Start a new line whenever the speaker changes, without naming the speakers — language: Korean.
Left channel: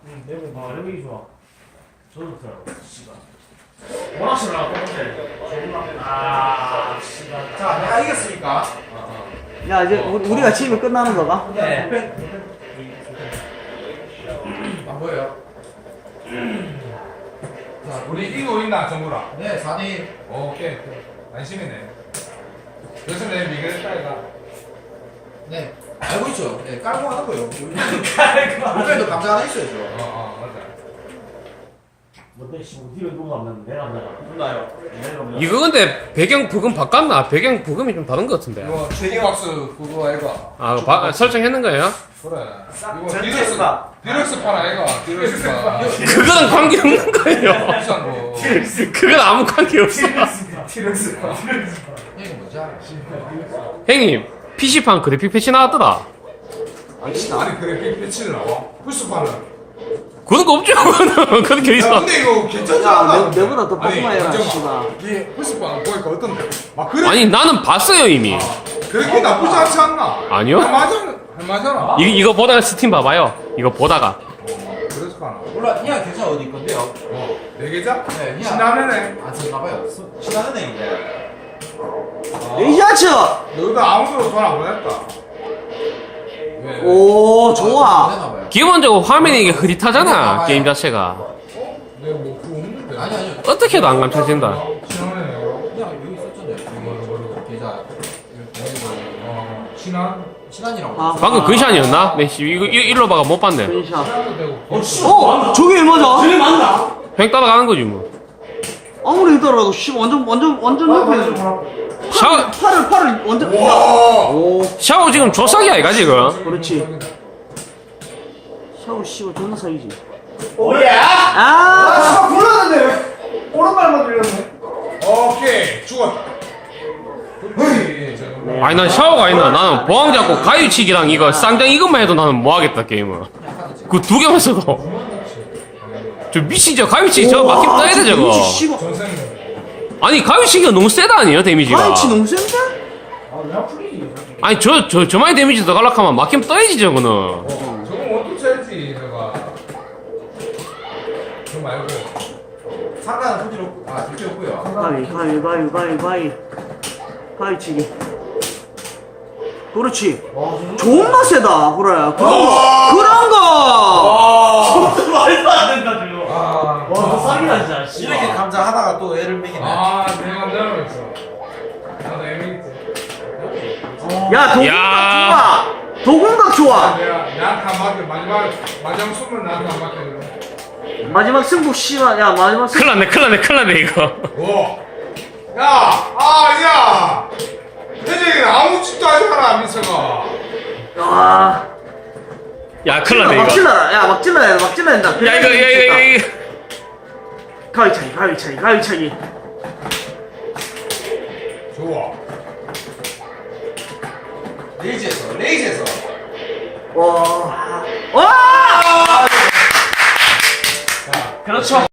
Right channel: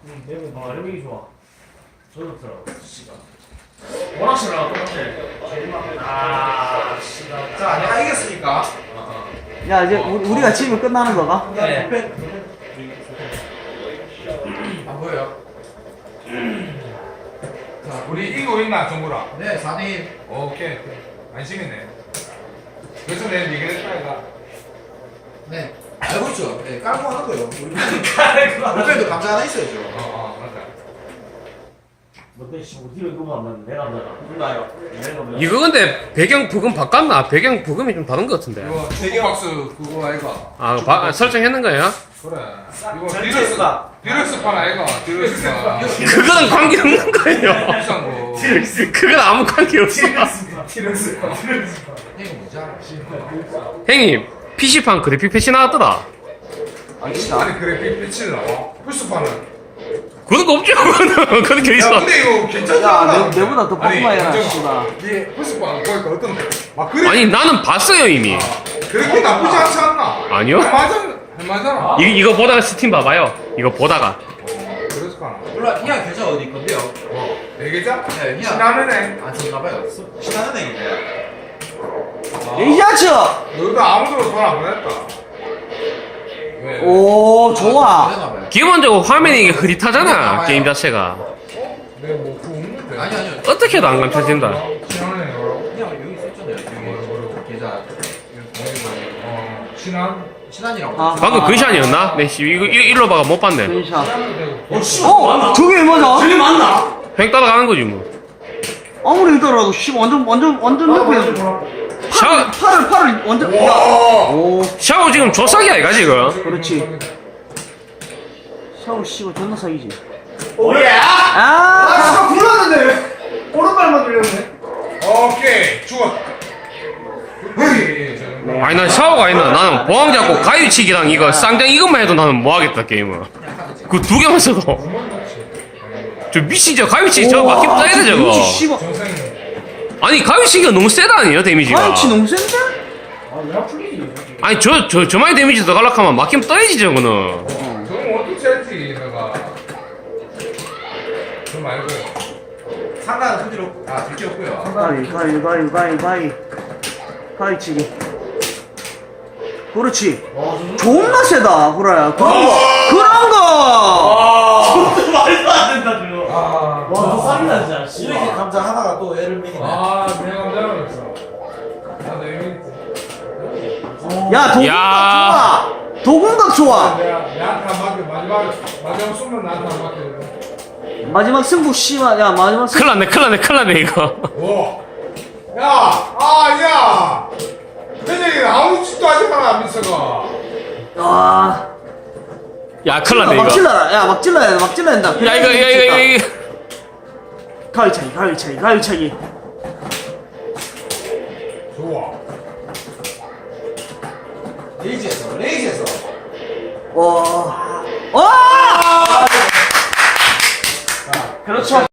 응, 내가 봐, 이런 게 좋아. 저도 들어, 씨발. 오락실하고 똑같아. 씨발.
자, 내가 이겼으니까.
야, 이제 우리가 지면 끝나는 거가?
네.
안 보여요?
자, 우리 이기고 있나, 정구라?
네, 4대1.
오케이. 안심이네. 그래서 내가 이겼다, 이거.
네. 알고 있죠? 네, 깔고 하는 거예요. 우리 팬도 감자 하나 있어야죠.
맞다.
뭔데, 씨, 뒤로 누가 없는 내가 없나? 누가요? 내가 없나?
이거 근데 배경 부금 바꿨나? 배경 부금이 좀 다른 것 같은데.
이거 대기박스 그거 이거.
아, 설정했는 거예요?
그래. 이거
전체가.
디럭스판 아이가, 디럭스판.
그거랑 관계 없는 거예요.
비싼 거.
그건 아무 관계 없어.
디럭스판.
이거 뭐지?
형님, PC판 그래픽 패치 나왔더라.
아니, 그래, 배치는 나와. 부스판은.
그런 거 없죠? 그런 게
야,
있어.
근데 이거 괜찮지
야,
않나?
내보다 더
아니,
뽀뽀해라,
괜찮아.
씨발.
이게 부스판, 그러니까 어떤데? 아, 그래?
아니, 나는 봤어요, 이미.
그렇게 나쁘지 않지 않나?
아니요.
맞잖아.
이거 보다가 스팀 봐봐요. 이거 보다가.
그래서 가나.
몰라, 그냥 괜찮아, 어디 건데요?
네 개자?
네, 그냥.
신나네.
안 쓰나봐요. 신나는 애인데.
에이야츠!
너도 아무도 돈 안 보냈다. 왜?
오, 좋아.
되나봐요.
기본적으로 화면이 이게 흐릿하잖아, 게임 자체가.
왜뭐 그거 없는데?
아니요.
어떻게 해도 안 감춰진다.
신하네.
그냥 여기 있었잖아요. 여기 계좌.
신한?
신한이라고.
아.
방금 근샷이었나? 네, 씨, 이거 일로 봐가 못 봤네.
펜샷.
되고.
어? 저게 얼마자?
저게 맞나?
횡 따라가는 거지, 뭐.
아무리 있더라도, 씨, 완전 높이.
샤워,
팔을 완전.
와!
오,
샤워 지금 조싹이야, 이가 지금.
그렇지. 샤워 씨고 존나 사기지.
오예!
아!
진짜 불렀는데 왜? 오른발만 들렸네.
오케이. 죽었다.
아니, 난 샤워가 아니나. 나는 보왕 잡고 가위치기랑 이거 쌍장 이것만 해도 나는 뭐 하겠다, 게임은. 그 두 개만 써도. 저 미친 저 가위치기 저거 막힘 떠야 돼, 저거. 아니, 가위치기가 너무 세다 아니에요, 데미지가.
가위치 너무 센데?
아왜 풀리지?
아니, 저만의 데미지 더 갈락하면 막힘 떠야지, 저거는.
저건 어떻게 할지 내가. 저 말고.
상단은 들게 없고요.
가위치기. 그렇지. 존나 세다, 그래. 그런 거!
말도 안 된다, 지금.
아.
와, 너 싸기다, 진짜. 씨발.
이렇게 감자 하나가 또 애를 먹이네.
내가 내려놨어. 나도 애매겠지.
야, 도공각
야.
좋아! 도공각 좋아!
나한테 한 바퀴 마지막 숨은 나한테 한 바퀴.
마지막 승부, 씨발. 야, 마지막 승부.
큰일 났네, 이거.
오. 야. 태정이는 아무 짓도 하지 마라, 민서가.
와.
야, 큰일 났네,
막
이거.
찔러라. 야, 막 찔러야 돼, 막 찔러야 된다.
야, 이거.
가위차기.
좋아.
레이지에서.
와. 와!
그렇죠.